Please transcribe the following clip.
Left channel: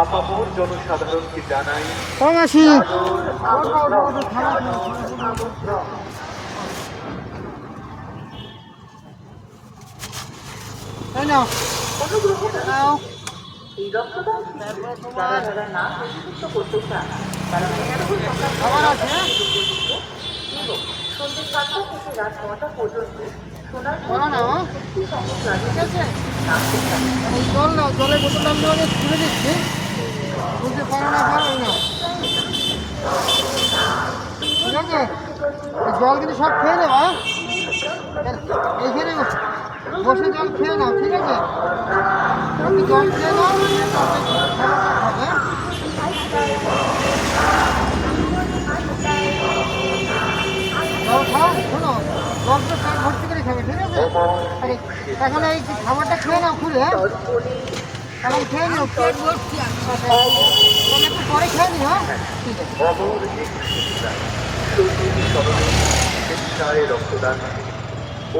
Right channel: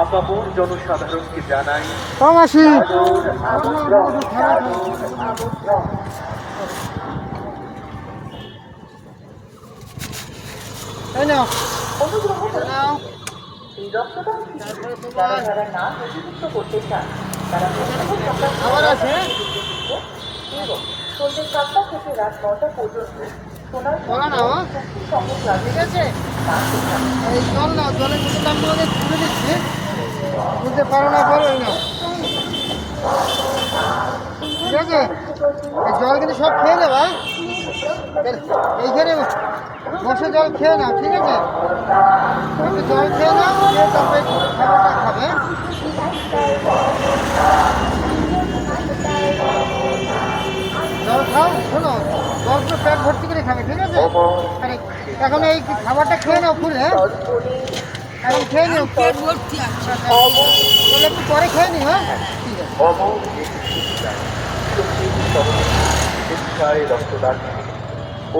আপামর জনসাধারণকে জানাই মাসি এই নাও নাও এই রক্তদান শিবিরে যারা যারা না নথিভুক্ত করতে চান তারা আবার আছে এবং সন্ধ্যে 7টা থেকে রাত 9টা পর্যন্ত সোনার বলো না ঠিক আছে জল নাও জলের বোতলটা আমি ওদের তুলে দিচ্ছি বুঝতে পারো না পারো না ঠিক আছে এই জল কিন্তু সব খেয়ে দেবা এইখানে বসে জল খেয়ে নাও ঠিক আছে একটু জল খেয়ে নাও তারপরে খাবারটা খাবে জল খাও শোনো জল তো পেট ভর্তি করে খাবে ঠিক আছে আরে এখন এই খাবারটা খেয়ে নাও খুলে এখন খেয়ে নিও পেট ভর্তি আছে তাহলে একটু পরে খেয়ে নিও হ্যাঁ ঠিক আছে অমর রক্তদান